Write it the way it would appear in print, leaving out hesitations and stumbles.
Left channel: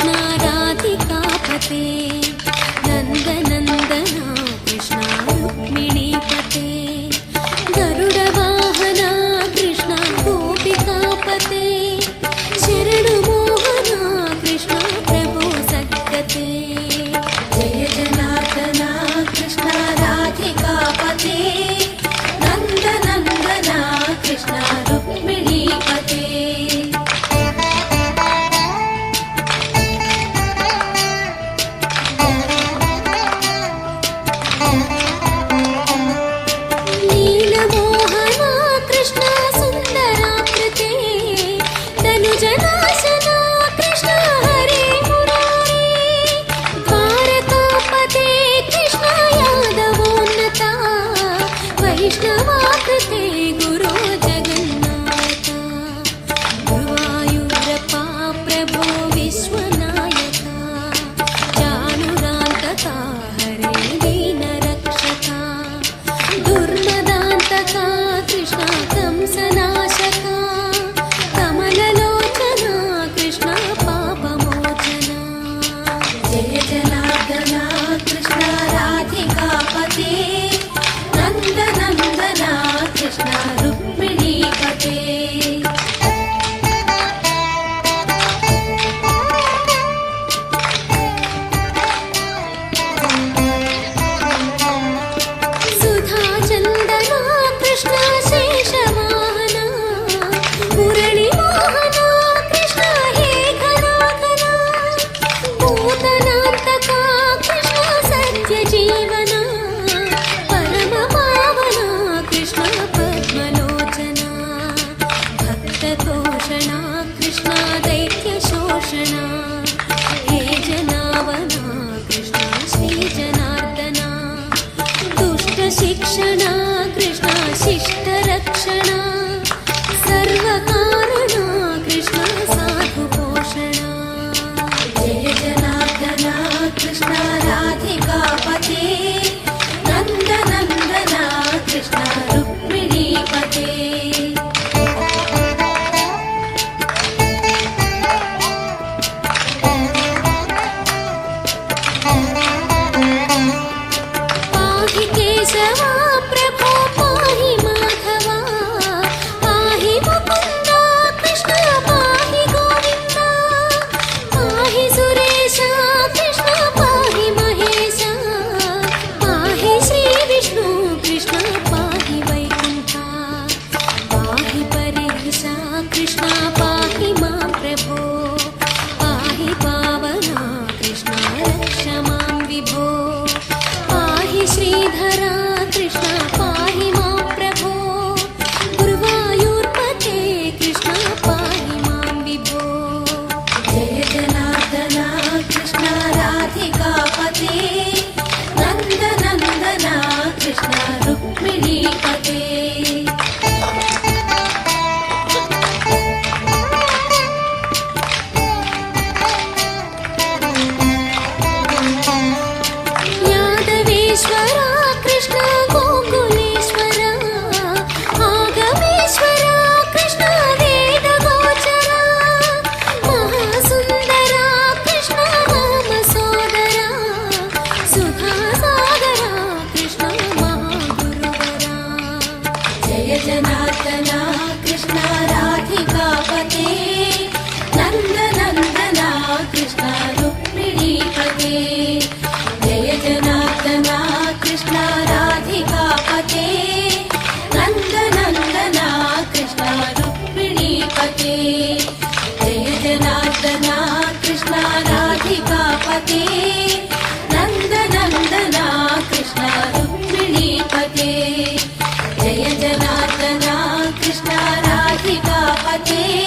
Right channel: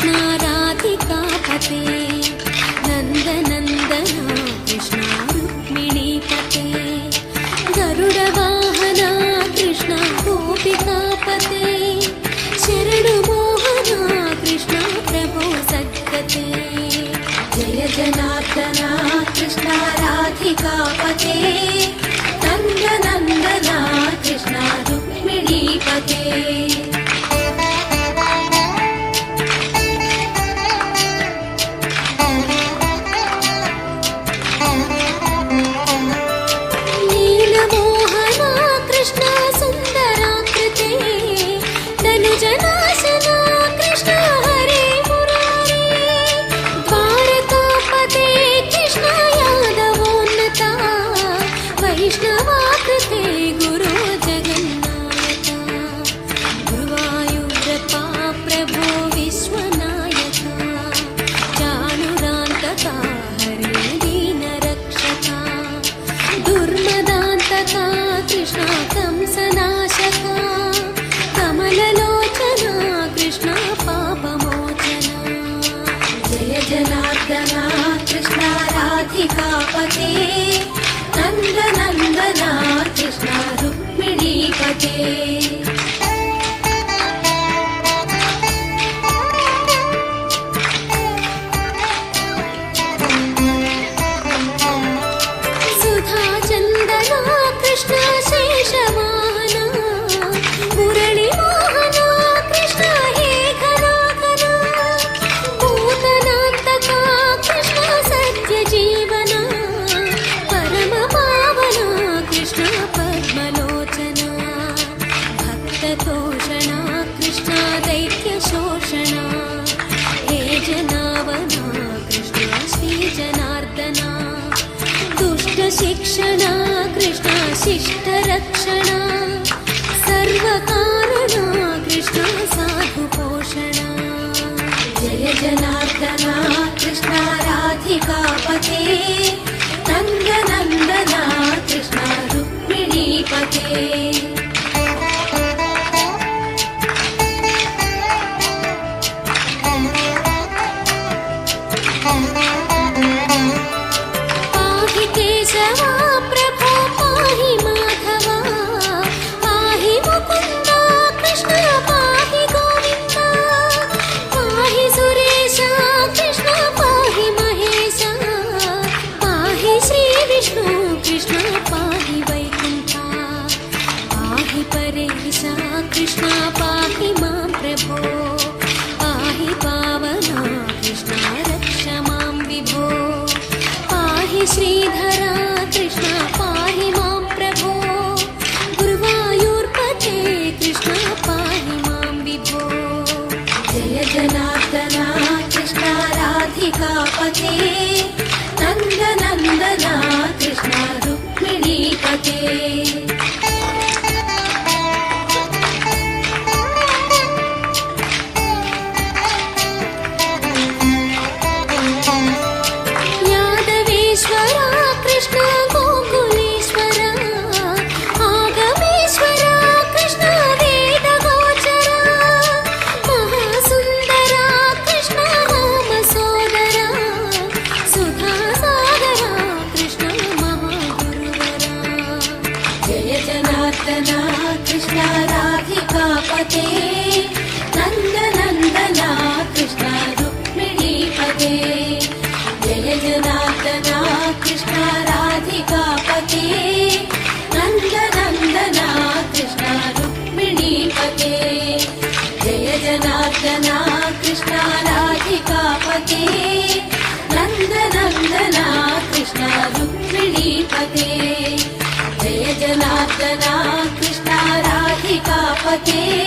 कृष्ण राधिकापते नन्दनन्दना कृष्ण रुक्मिणीपते गरुडवाहना कृष्ण गोपिकापते शरणु मोहना कृष्ण प्रभो सद्गते जय जनार्दना कृष्ण राधिकापते नन्दनन्दना कृष्ण रुक्मिणीपते नीलमोहना कृष्ण सुन्दराकृते तनुजनाशना कृष्ण हरे मुरारे द्वारकापते कृष्ण यादवोन्नता वैष्णवाकृते गुरो जगन्नाथ गुरुवायूरप्पा प्रभो विश्वनायका चाणुरान्तका हरे दीनरक्षका दुर्मदान्तका कृष्ण कंसनाशका कमललोचना कृष्ण पापमोचना जय जनार्दना कृष्ण राधिकापते नन्दनन्दना कृष्ण रुक्मिणीपते सुधाचन्दना कृष्ण शेषवाहना मुरळीमोहना कृष्ण हे घनाघना भूतनान्तका कृष्ण सत्यजीवना परमपावना कृष्ण पद्मलोचना भक्ततोषणा कृष्ण दैत्यशोषणा हे जनावना कृष्ण श्रीजनार्दना दुष्टशिक्षणा कृष्ण शिष्टरक्षणा सर्वकारणा कृष्ण साधुपोषणा जय जनार्दना कृष्ण राधिकापते नन्दनन्दना कृष्ण रुक्मिणीपते पाहि केशवा प्रभो पाहि माधवा पाहि मुकुन्दा कृष्ण पाहि गोविन्दा पाहि सुरेशा कृष्ण पाहि महेशा पाहि श्रीविष्णु कृष्ण पाहि वैकुण्ठा पाहि परेशा कृष्ण पाहि मां प्रभो पाहि पावना कृष्ण रक्ष मां विभो पाहि श्रीधरा कृष्ण पाहि मां प्रभो गुरुवायूर्पते कृष्ण पाहि मां विभो जय जनार्दना कृष्ण राधिकापते नन्दनन्दना कृष्ण रुक्मिणीपते यादवेश्वरा कृष्ण गोकुलेश्वरा आगमेश्वरा कृष्ण वेदगोचरा महासुन्दरा कृष्ण रामसोदरा सुधासागरा कृष्ण महागुरुवरा जय जनार्दना कृष्ण राधिकापते नन्दनन्दना कृष्ण रुक्मिणीपते जय जनार्दना कृष्ण राधिकापते नन्दनन्दना कृष्ण रुक्मिणीपते जय जनार्दना कृष्ण राधिकापते नन्दनन्दना कृष्ण रुक्मिणीपते जय जनार्दना कृष्ण राधिकापते